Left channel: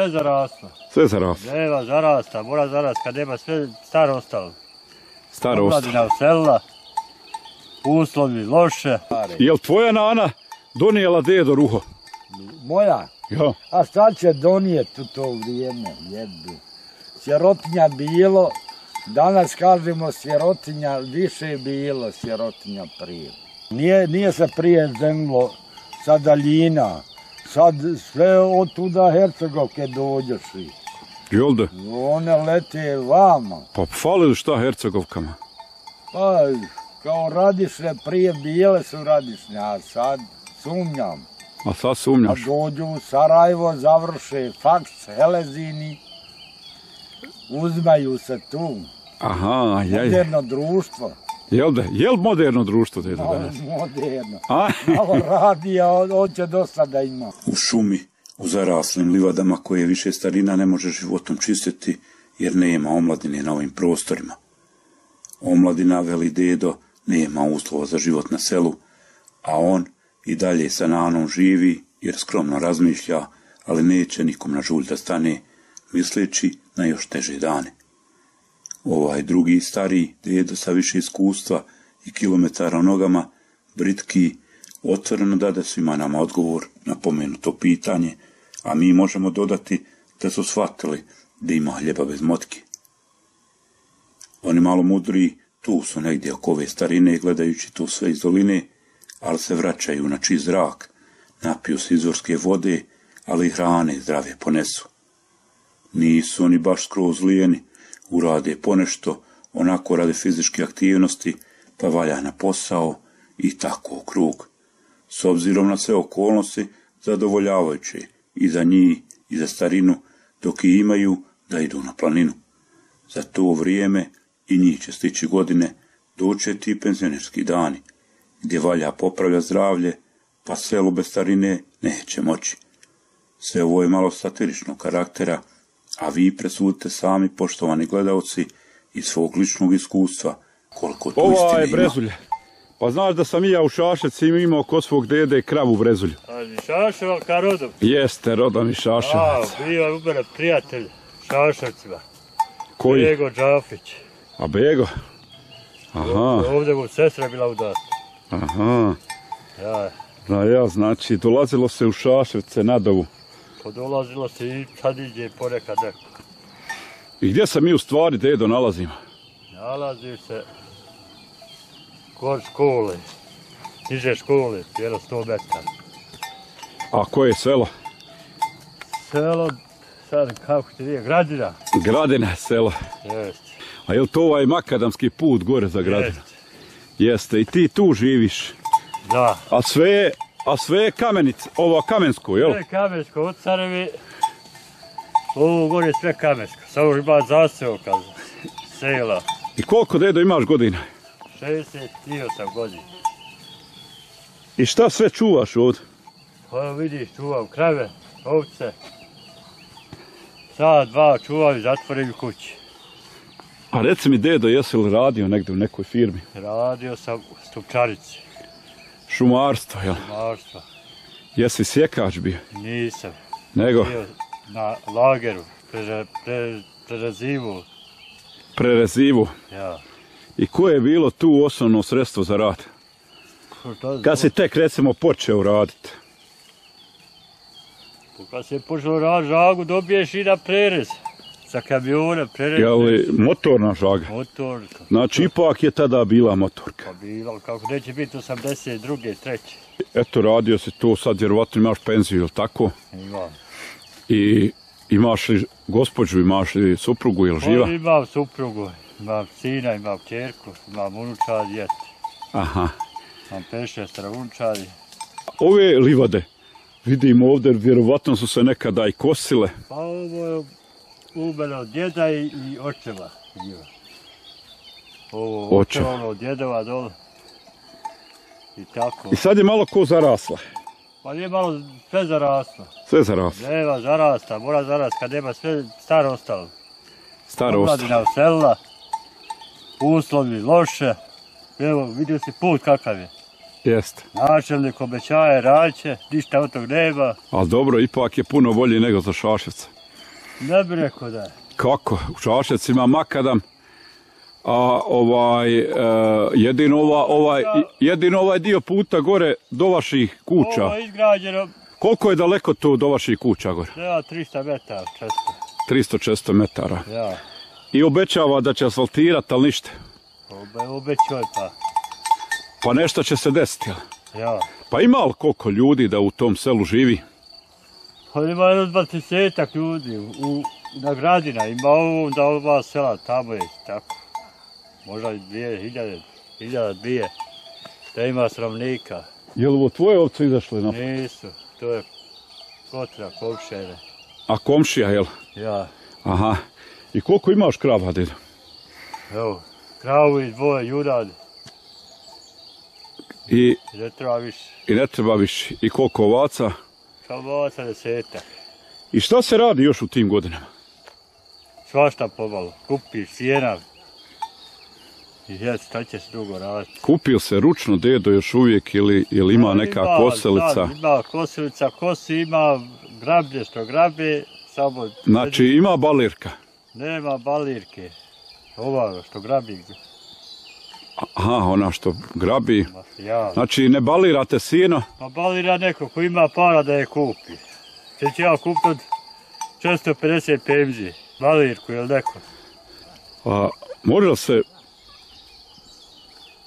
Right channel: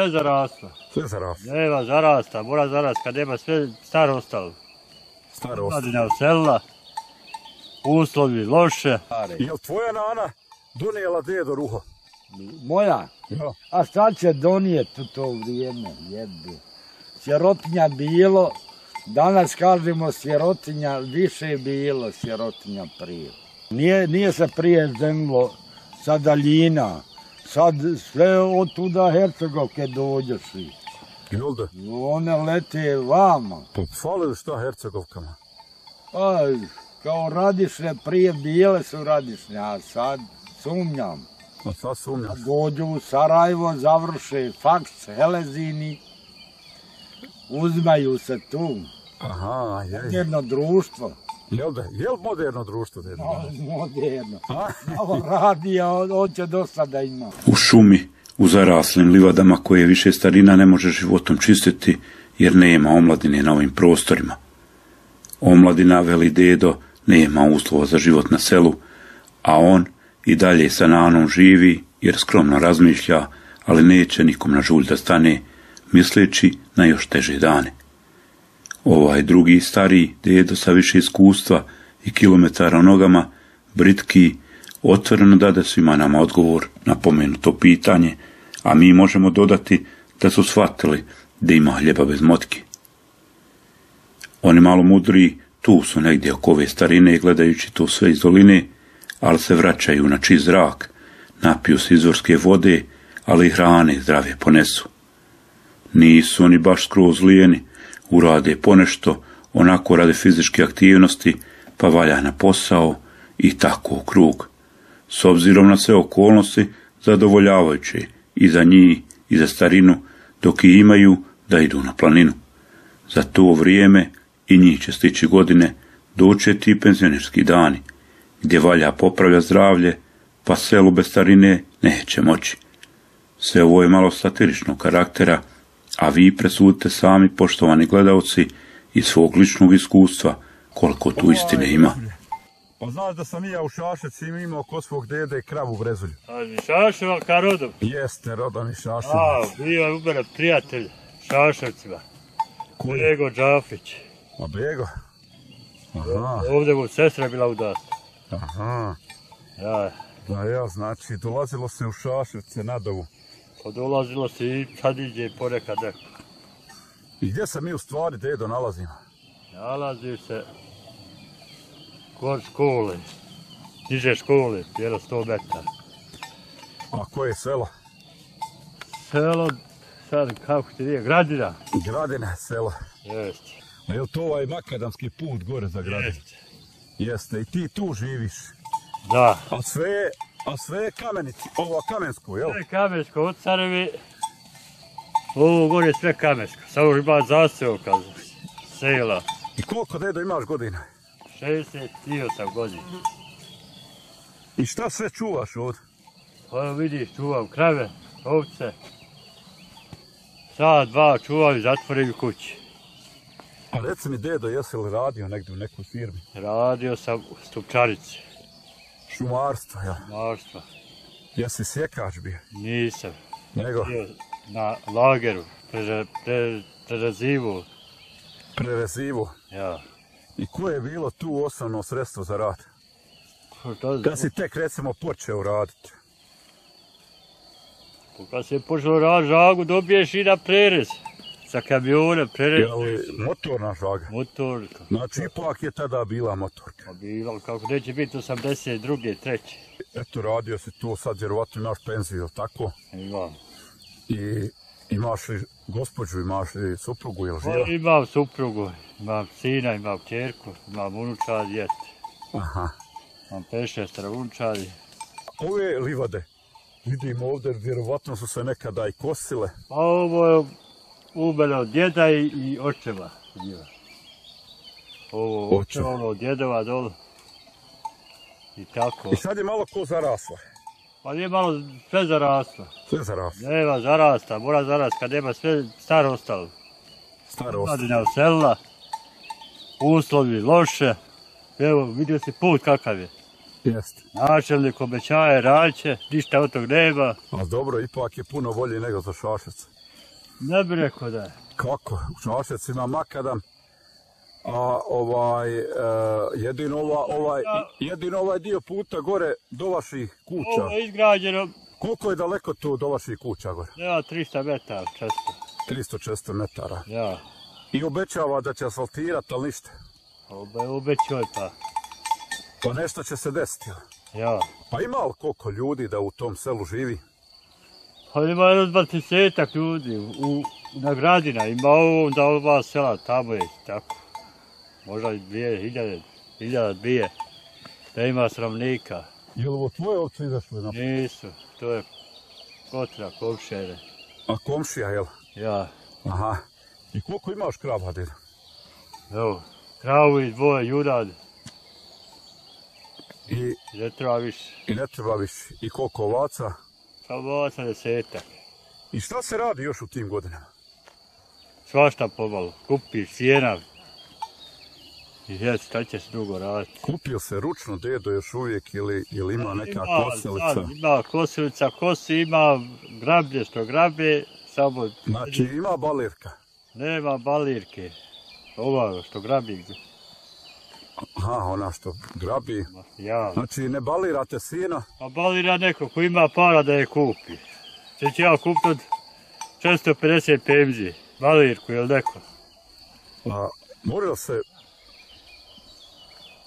sve zaraslo. Sve zaraslo? Nema zarasta, mora zarast kad nema sve staro ostalo. Staro ostalo. Omladina uselila, uslovi loše. Jel tvoja nana donijela dedo ruho? Moja? Ja. A šta će donijeti u to vrijeme? Jebi. Sirotinja bilo, danas kažemo sirotinja, više je bilo sirotinja prije. Nije se prije zemlo sa daljina, sad sve od tuda Hercegovke dođeš. Jel da? One lete vama. Pa fali li šta Hercegovkama? Pa, kao Radišne prije bile su Radišne, a sad sumnjam. A sad sumnjaš? A dođu u Sarajevo, završe faks, helezini, uzmaju se tu. Aha, moderno društvo. Jel da? Jel moderno društvo, dedo? Moderno. Malo radi, a hoće dosta da ima. U šumi, u zaraslim livadama koje više starina ne može životom čistiti, jer nema omladine na ovim prostorima. Omladina, veli dedo, nema uslova za život na selu, a on i dalje sa nanom živi, jer skromno razmišlja, ali neće nikom na žulj da stane, misleći na još teže dane. Ovaj drugi stariji dedo sa više iskustva i kilometara u nogama, britki, otvoreno dade svima nama odgovor na pomenuto pitanje, a mi možemo dodati da su shvatili da ima hljeba bez motki. Oni malo mudriji tu su negdje oko ove starine, gledajući to sve iz doline, ali se vraćaju na čist zrak, napiju se izvorske vode, ali i hrane zdrave ponesu. Nisu oni baš skroz lijeni, urade ponešto, onako rade fizičke aktivnosti, pa valja na posao i tako u krug. S obzirom na sve okolnosti, zadovoljavajuće i za njih i za starinu, dok i imaju da idu na planinu. Za to vrijeme i njih će stići godine, doće ti penzionerski dani, gdje valja popravlja zdravlje, pa selu bez starine neće moći. Sve ovo je malo satiričnog karaktera, a vi presudite sami, poštovani gledalci, iz svog ličnog iskustva, koliko tu istine ima. Pa znaš da sam i ja u Šaševci imao kod svog dede kravu Brezulju. A Šaševac ka rodom? Jeste, rodom i Šaševac. A, bio je ubere prijatelj Šaševcima. Koji? Bego Džafić. A Bego? Aha. Ovdje mu sestra bila udata. Aha. Ja. Ja, znači, dolazilo se u Šaševce na dovu. Pa dolazilo se i sad iđe ponekad neko. I gdje se mi u stvari, dedo, nalazimo? Nalazi se kod škole, niže škole, jedno 100 metara. A koje je selo? Selo, sad kako ti je, Gradina. Gradina je selo. Jeste. A je li to ovaj makadamski put gore za Gradinu? Jeste. Jeste, i ti tu živiš? Da. A sve je kamenice, ovo Kamensko, jel? Sve Kamensko, od Carevi, ovo gore je sve Kamensko. Samo ima zaseoka, sela. I koliko, dedo, imaš godina? 68 godina. I šta sve čuvaš ovdje? Pa vidiš, čuvam krave, ovce. Sad dva čuvam i zatvorim kući. A reci mi, dedo, jesi li radio negdje u nekoj firmi? Radio sam u stupčarici. Šumarstvo, jel? Šumarstvo. Jesi sjekač bio? Nisam. Nego? Bio na lageru, prerazivu. Prerazivu? Ja. I koje je bilo tu osnovno sredstvo za rad? Kad si tek, recimo, počeo raditi? Kad si počeo raditi žagu, dobiješ i na prerez. Za kamione, prerez. Je li motorna žaga? Motorka. Znači, ipak je tada bila motorka. Pa bila, kako neće biti 82. 3. Eto, radio si to, sad vjerovatno imaš penziju, ili tako? Imam. I imaš li gospođu, imaš li suprugu, ili živa? Pa imam suprugu, imam sina, imam kćerku, imam unučad, djete. Aha. Imam 5-6 unučadi. Ove livade, vidim ovdje, vjerovatno su se nekada i kosile. Pa ovo je umelo od djeda i očeva. Ovo očeva, ono od djedova dole. I tako. I sad je malo ko zarasla. Pa nije malo sve zaraslo. Sve zaraslo. Nema zarasta, mora zarast kad nema sve staro ostalo. Staro ostalo. Omladina uselila, uslovi loše. Evo, vidio si put kakav je. Jeste. Načelnik obećaje, radit će, ništa od tog nema. Ali dobro, ipak je puno bolje nego za Šaševca. Ne bi rekao da je. Kako? U Čašec ima makadam, a jedino ovaj dio puta gore do vaših kuća. Ovo je izgrađeno. Koliko je daleko to do vaših kuća gore? Ja, 300 metara, često. 300-400 metara. Ja. I obećava da će asfaltirati, ali ništa. Obećao pa. Pa nešto će se desiti. Ja. Pa ima li koliko ljudi da u tom selu živi? Pa ima 20-ak ljudi na Gradina, ima ovo da ova sela tamo je tako. Možda 2000 da ima sravnika. Je li ovo tvoje ovce izašle? Nisu, to je Kotra, komšijene. A komšija, jel? Ja. Aha. I koliko imaš krava, dedo? Evo, kravu i dvoje jurad. I Ne treba više. I ne treba više. I koliko ovaca? Pa ovaca 10-ak. I šta se radi još u tim godinama? Svašta pomalo. Kupiš sjena. I šta će se dugo raditi. Kupio se ručno dedo još uvijek ili ima neka kosilica? Sad, ima kosilica, kosi, ima grablje što grabe. Samo... Znači ima balirka? Nema balirke. Ova što grabi. Aha, ona što grabi. Ja. Znači ne balirate sjeno? Pa balira neko ko ima para da je kupi. Če ću ja kupiti od 450 pemzi. Balirku ili neko. A može li se...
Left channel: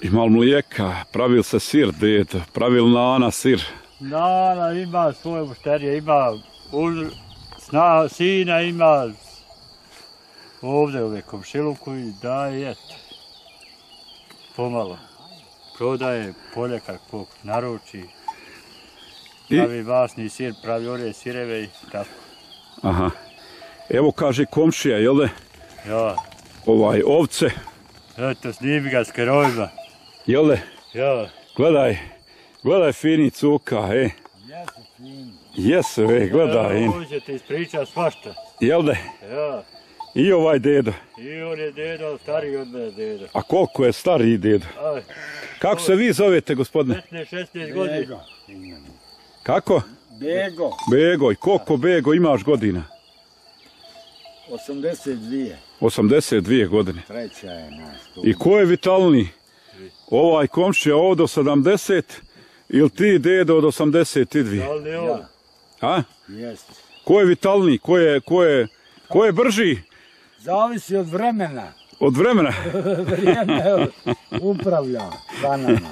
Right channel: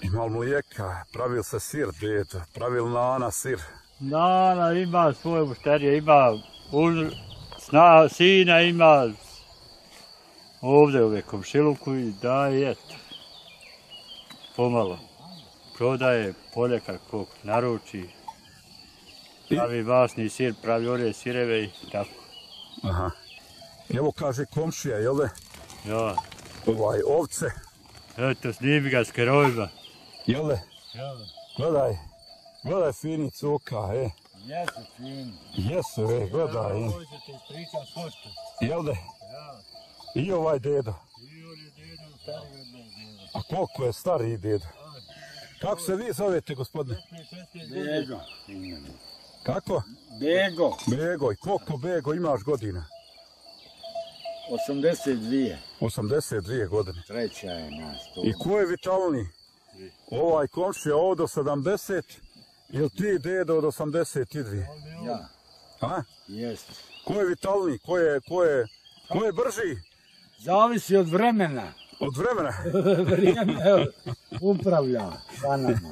Ima li mlijeka? Pravil se sir, dedo? Pravil Nana sir? Nana ima svoje mušterije, ima sina, ima ovdje ove komšiluku i daje eto. Pomalo. Prodaje poljekar kog naruči. Pravi masni sir, pravi ore sireve i tako. Aha. Evo kaže komšija, jel ne? Ja. Ovce. Eto, snimi ga s kerovima. Jel ne? Ja. Gledaj fini cuka, Jesu fini. Jesu, gledaj. Ovo će ti ispričati svašta. Jel ne? Ja. I ovaj dedo. I on je dedo, stariji od mene dedo. A koliko je stariji dedo? Aj. Kako se vi zovete, gospodine? 15-16 godina. Bego. Kako? Bego. Bego. I koliko Bego imaš godina? 82. 82 godine. Treća je nas tu. I ko je vitalniji? Ovaj komšija ovdje od 70 ili ti dedo od 82? Ali on. Ja. A? Jest. Ko je vitalniji? Ko je brži? Zavisi od vremena. Od vremena? Vrijeme upravlja sa nama.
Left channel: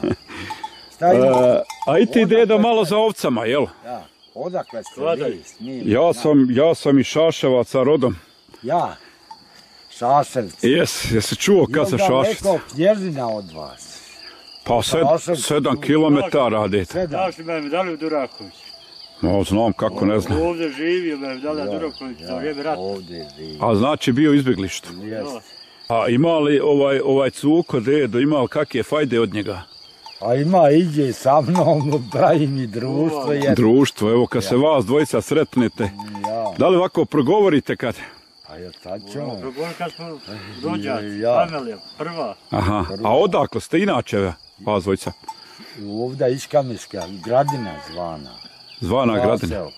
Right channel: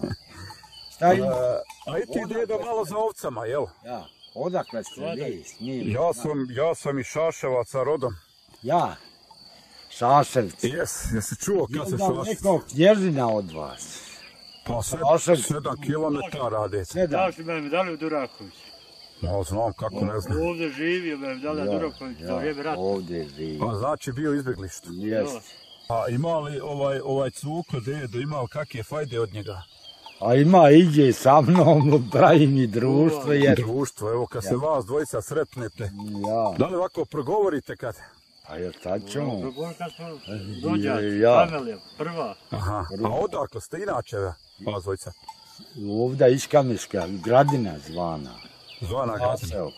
Šta ima? A i ti dedo malo za ovcama, jel? Ja. Odakle ste vi s njim? Ja sam iz Šaševaca rodom. Ja. Šaševci. Jesi čuo kad se Jel da Šaševac? neko knježina od vas? Pa 7 kilometara, dete. Znaš li me dali u Duraković? No, znam kako, ne znam. Ovdje živio me dali u Duraković za vrijeme rata. Ovdje živi. A znači bio u izbjeglištu. Jest. A ima li ovaj cuko dedo, ima li kakve fajde od njega? A ima, iđe sa mnom, pravi mi društvo. Društvo, evo kad se vas dvojica sretnete. Ja. Da li ovako progovorite kad? A jel sad ćemo? Progovor kad smo rođaci, Ja. familija, prva. Aha, a odakle ste inače vas dvojica? Ovdje Iškamiška, Gradina zvana. Zvana Gradina. Vaseok.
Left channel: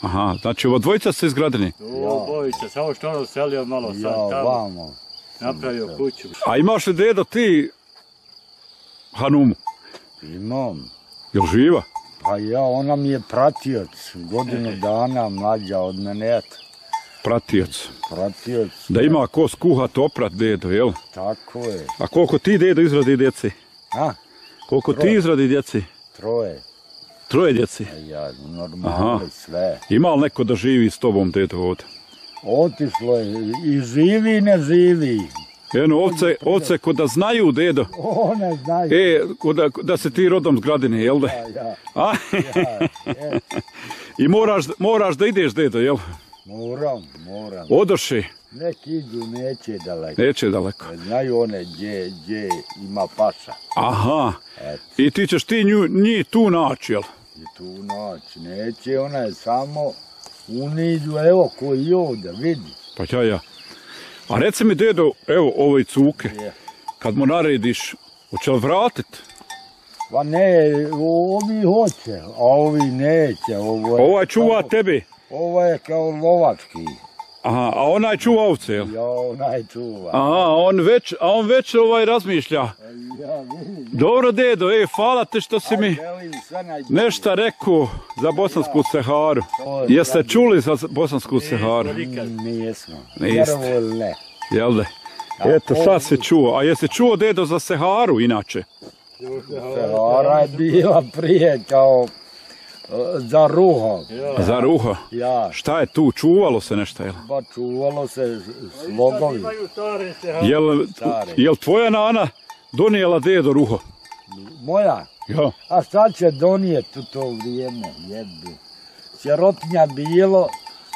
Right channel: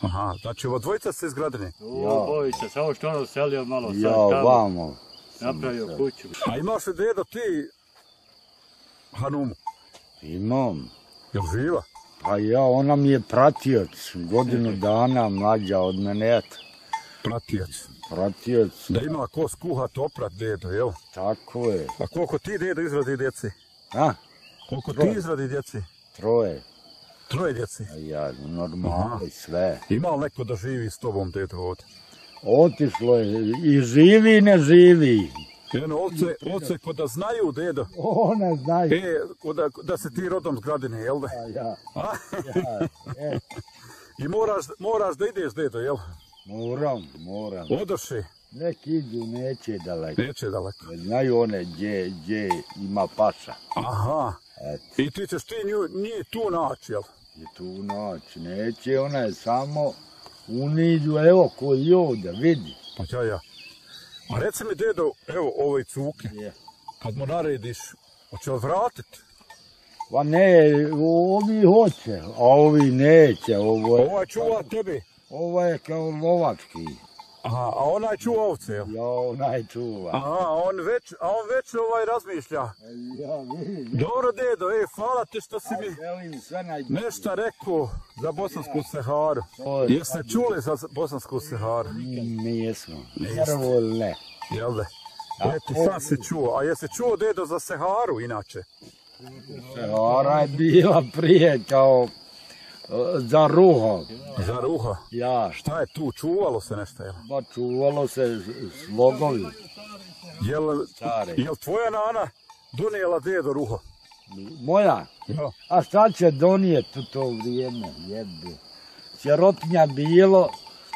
Aha, znači ovo dvojica ste iz Gradine. O, bojica, samo što ono selio malo sad Ja, tamo, vamo. napravio kuću. A imaš li dedo ti Hanumu? Imam. Jel živa? Pa ja, ona mi je pratioc, godinu dana mlađa od mene, eto. Pratioc. Pratioc. Da ima ko skuhat oprat dedo, jel? Tako je. A koliko ti dedo izradi djeci? A, Koliko Troje. ti izradi djeci? troje. 3 djeci. A ja, normali sve. Ima li neko da živi s tobom dedo ovdje? Otišlo je, i živi i ne živi. Eno, ovce ko da znaju dedo. One znaju. Da se ti rodom s Gradine, jel da? Ja, A? ja. I moraš da ideš dedo, jel? Moram. Odoši, Neki idu, neće daleko. neće daleko. Znaju one gdje ima paša. Aha, Eto, i ti ćeš ti njih tu naći, jel? i tu noć. Neće, ona je samo uniđu, evo koji ovdje, vidi. Pa ja. A reci mi dedo, evo ove cuke, Je. kad mu narediš, hoće li vratit? Pa ne, ovi hoće, a ovi neće. Ovaj čuva tebi. Ovo je kao lovački. Aha, a onaj čuva ovce, jel? Ja, onaj čuva. Aha, on već razmišlja. Ja vidim. Dobro, dedo, hvala te što si mi Želim sve najbolje. nešto rekao za Bosansku Seharu. Jeste čuli za Bosansku Seharu? Nismo. Niste. Vjerovo ili ne. Jel da? Eto, sad se čuo. A jesi čuo, dedo, za Seharu inače? Sehara je bila prije kao za ruho. Za ruho? Ja, Šta je tu? Čuvalo se nešto, jel? ba čuvalo se slogovi. Jel tvoja nana donijela dedo ruho? Moja, Ja. a šta će donijeti u to vrijeme? Jebi. Sirotinja bilo,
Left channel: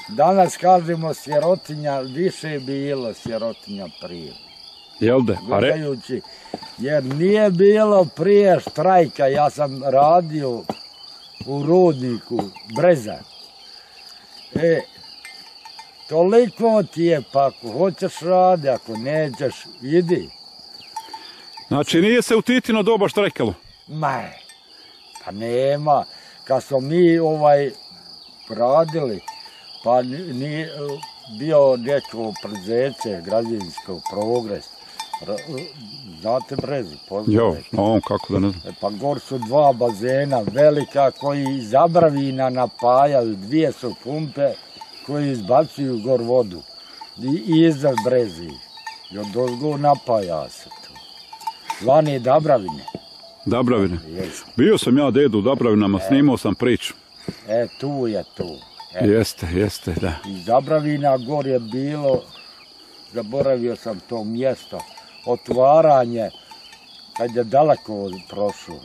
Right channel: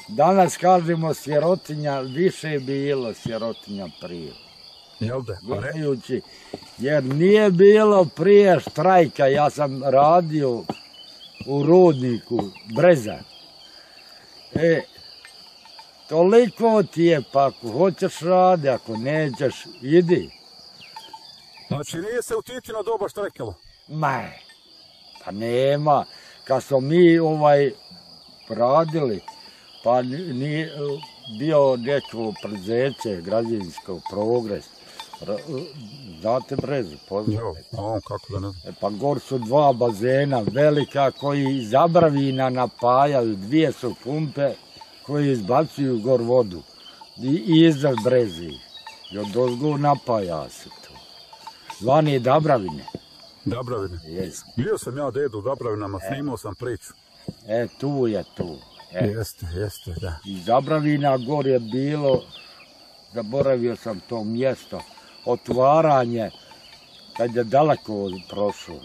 danas kažemo sirotinja, više je bilo sirotinja prije. Jel da? Gledajući, jer nije bilo prije štrajka, ja sam radio u rudniku Breza. Toliko ti je, pa ako hoćeš radi, ako nećeš, idi. Znači nije se u Titino doba štrajkalo? Pa nema. Kad smo mi radili, pa nije bio neko preduzeće, građevinsko Progres. Znate Brezu, poznate? Jo, a on kako da ne znam. Pa gor su dva bazena velika koji iz Zabravina napajaju, dvije su pumpe koji izbacuju gor vodu. I iza Brezi. I od ozgo napaja se to. Zvani Dabravine. Dabravine. Jeste. Bio sam ja, dedo, u Dabravinama, snimao sam priču. Tu je tu. Jeste, da. Iz Zabravina gor je bilo, zaboravio sam to mjesto, otvaranje, kad je daleko prošlo.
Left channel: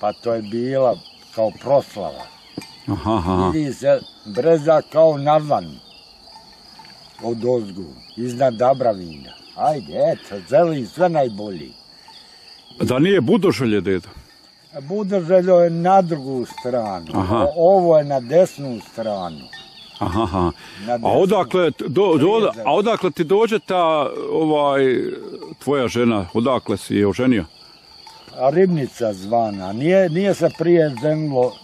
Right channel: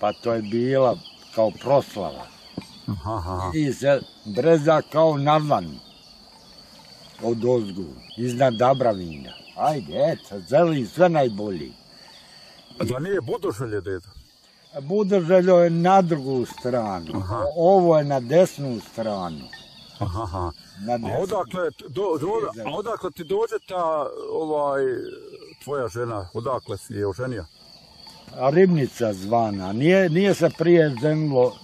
Pa to je bila kao proslava. Aha. Vidi se Breza kao narvan od ozgu, iznad Dabravina. Ajde, eto, želim sve najbolji. Da nije Budoželje, dedo? Budoželjo je na drugu stranu, Aha. ovo je na desnu stranu. Aha. Na desnu. A odakle ti dođe ta tvoja žena, odakle si je oženio? Ribnica zvana, nije se prije ženilo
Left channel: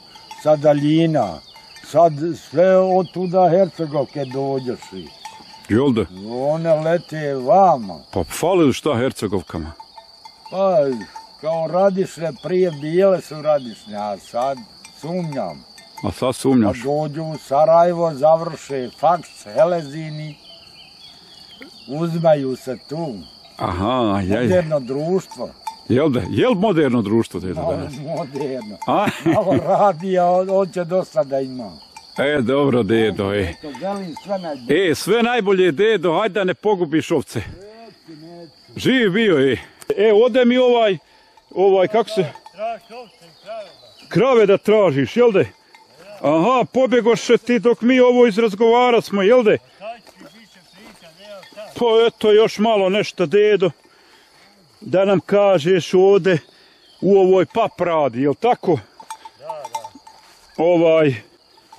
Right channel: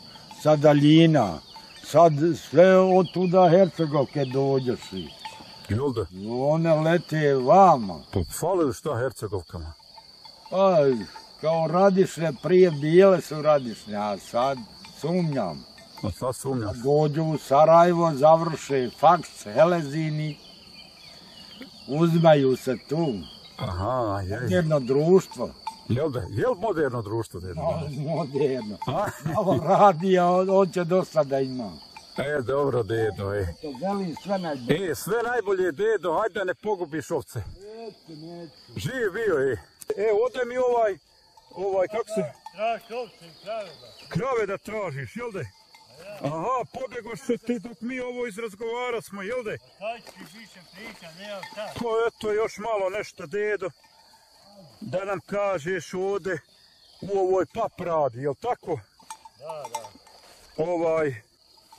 sa daljina, sad sve od tuda Hercegovke dođeš i Jel da? one lete vama. Pa fali li šta Hercegovkama? Pa, kao Radišne, prije bile su Radišne, a sad sumnjam. A sad A sumnjaš? dođu u Sarajevo, završe faks, helezini, uzmaju se tu. Aha, Moderno društvo. Jel da? Jel moderno društvo, dedo, danas? Moderno. A? Malo radi, a on će dosta da ima. Dobro, dedo, Eto, želim sve najbolje. sve najbolje, dedo, hajde da ne pogubiš ovce. Živ bio, ode mi kako se... Traži ovce i krave. Krave da tražiš, jel de? Aha, pobjegoše ti dok mi ovo izrazgovarat smo, jel de? Kaj ću više priča, nema šta. Pa eto još malo nešto, dedo, da nam kažeš ovde u ovoj pap radi, jel tako? Da.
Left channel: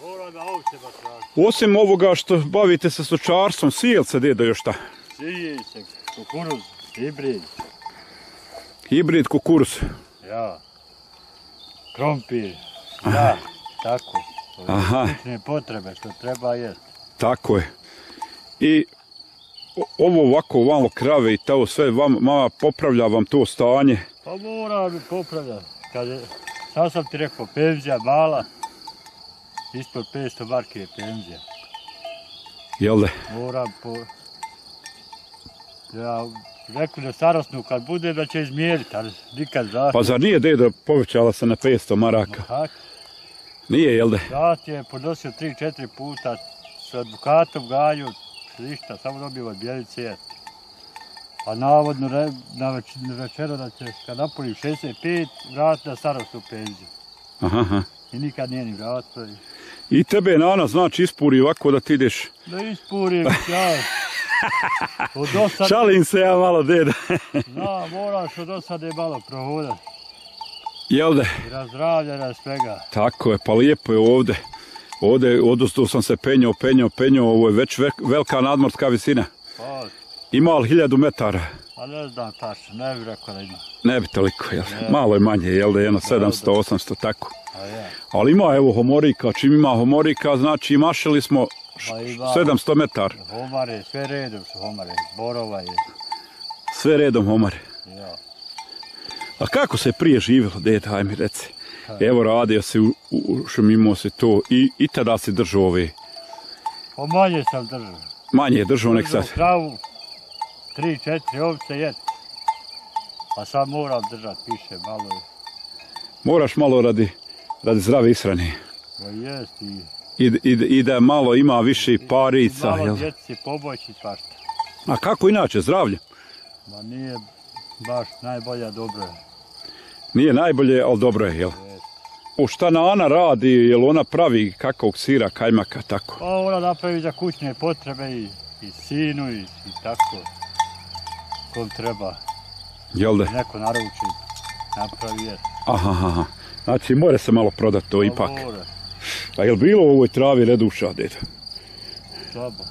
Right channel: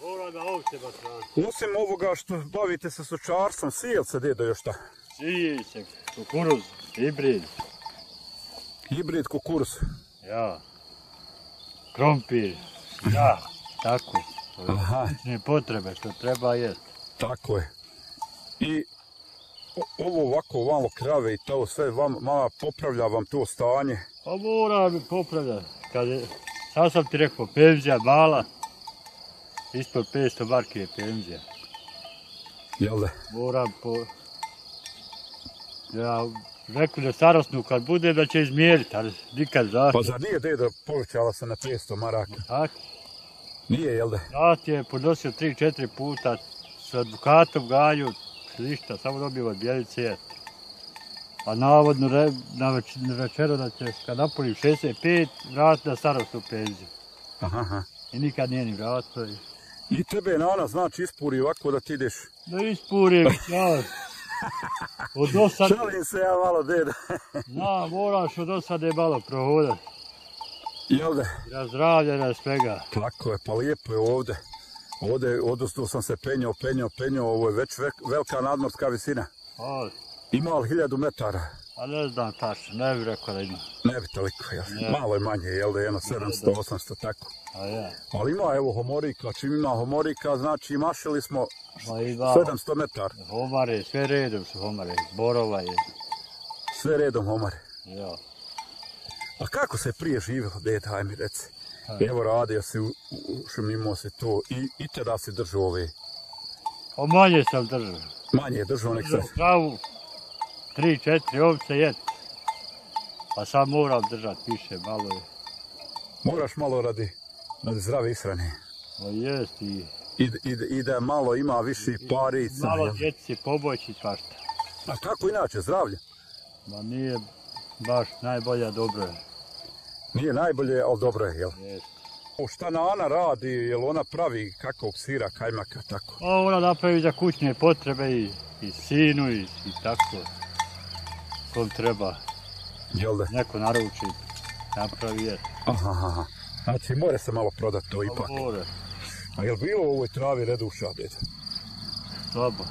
Mora da ovce baš traži. Osim ovoga što bavite se stočarstvom, sijel se, dedo, još šta? Sije se, kukuruz, hibrid. Hibrid kukuruz. Ja. Krompir. Da, tako. Aha. Slične potrebe što treba jesti. Tako je. I ovo ovako malo krave i to sve vama popravlja vam to stanje. Pa mora bi popravljati. Sad sam ti rekao, penzija mala, ispod 500 marki je penzija. Jel de? Moram Ja rekao da starosnu kad bude da će izmjeriti, ali nikad zahtjev. Pa zar nije, dedo, povećala se na 500 maraka? Tako. Nije, jel de? Zahtjev je podnosio 3-4 puta s advokatom Gaju, ništa, samo dobio od Bjelice. A navodno na večeru da će, kad napunim 65, vratiti na starostnu penziju. Aha. I nikad nije ni vratio. I tebe nana znači ispuri ovako da ti ideš? Da ispurim, ja. Šalim se ja malo, deda. Moraš od osade malo prohodati. Jel de? I razdravlja na svega. Tako je, pa lijepo je ovde. Ovde odustao sam se penjao, ovo je već velika nadmorska visina. Pa, Ima li 1000 metara? A ne znam tačno, ne bih rekao da ima. Ne bi toliko, jel? Malo je manje, jel da je jedno 700, 800, tako. A ja. Ali ima evo homorika, čim ima homorika, znači mašili smo Pa ima 700 metara. homare, sve redom su homare, borova je. Sve redom homare. Ja. A kako se prije živjelo, deda, aj mi reci. Evo radio se, šumimo se to i tada se držao ove. O manje sam držao. Manje je držao nek sad. Držao kravu, 3-4 ovce jet. A sad moram držati više, malo je. Moraš malo radi zdrave ishrane. O jest I da malo ima više parica. malo Jel? djeci pomoći svašta. A kako inače, zdravlje? Ma nije baš najbolja, dobro je. Nije najbolje, ali dobro je, jel? Jest. O šta Ana radi, jel ona pravi kakvog sira, kajmaka, tako? Pa ona napravi za kućne potrebe i sinu i tako. Kom treba. Jel da? Neko naruči, napravi jet. Aha. Znači, mora se malo prodati to ipak. More, A jel bilo u ovoj travi reduša, deda? slabo.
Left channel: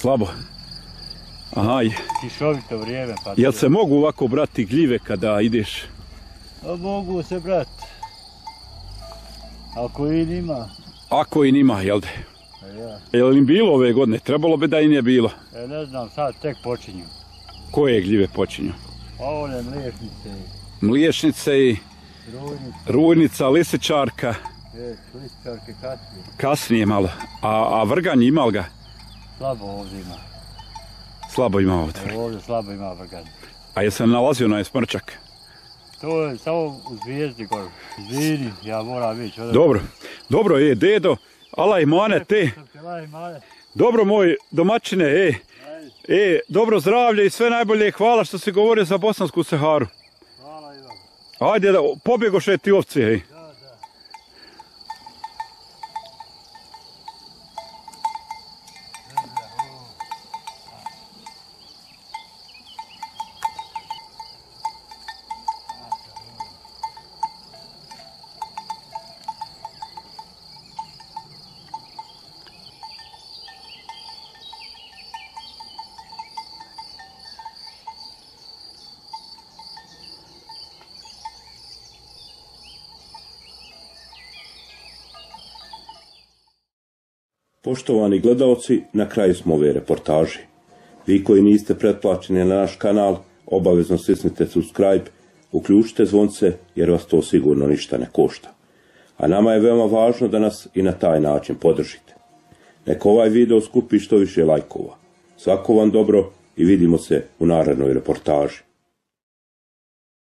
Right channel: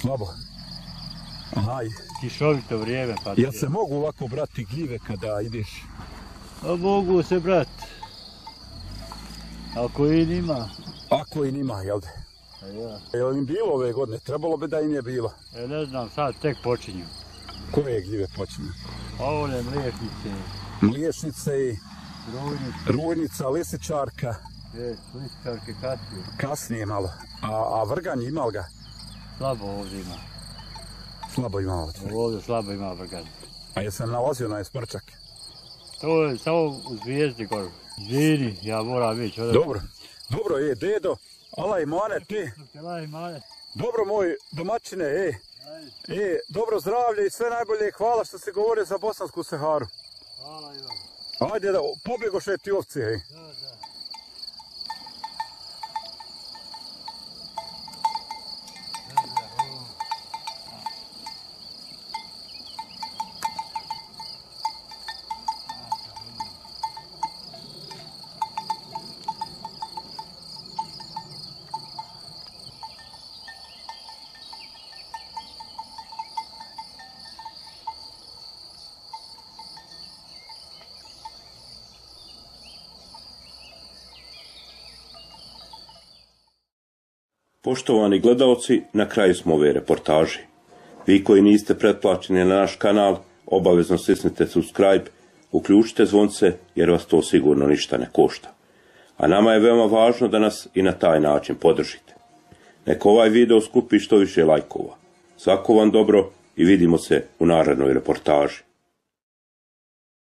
Slabo. Aha, Kišovito vrijeme pa... jel se mogu ovako brati gljive kada ideš? A mogu se brat. Ako i nima. Ako i nima, jel da? A ja. Jel im bilo ove godine? Trebalo bi da i nije bilo. Ne znam, sad tek počinju. Koje gljive počinju? A one mliječnice, Mliječnice i rujnice, rujnica, lisičarka. lističarke, kasnije. Kasnije malo. A vrganj imal ga? Slabo ovdje ima. Slabo ima ovdje. Ovdje slabo ima vrgan. A je se nalazio na smrčak? To je samo u Zvijezdi gore. Izvini, ja moram ići. Dobro je, dedo. Alaj mane te. Dobro moj domaćine, dobro zdravlje i sve najbolje. Hvala što si govorio za Bosansku Saharu. Hvala i vam. Ajde, pobjegoše ti ovce, ej. Da. Poštovani gledaoci, na kraju smo ove reportaže. Vi koji niste pretplaćeni na naš kanal, obavezno stisnite subscribe, uključite zvonce jer vas to sigurno ništa ne košta. A nama je veoma važno da nas i na taj način podržite. Neka ovaj video skupi što više lajkova. Svako vam dobro i vidimo se u narednoj reportaži.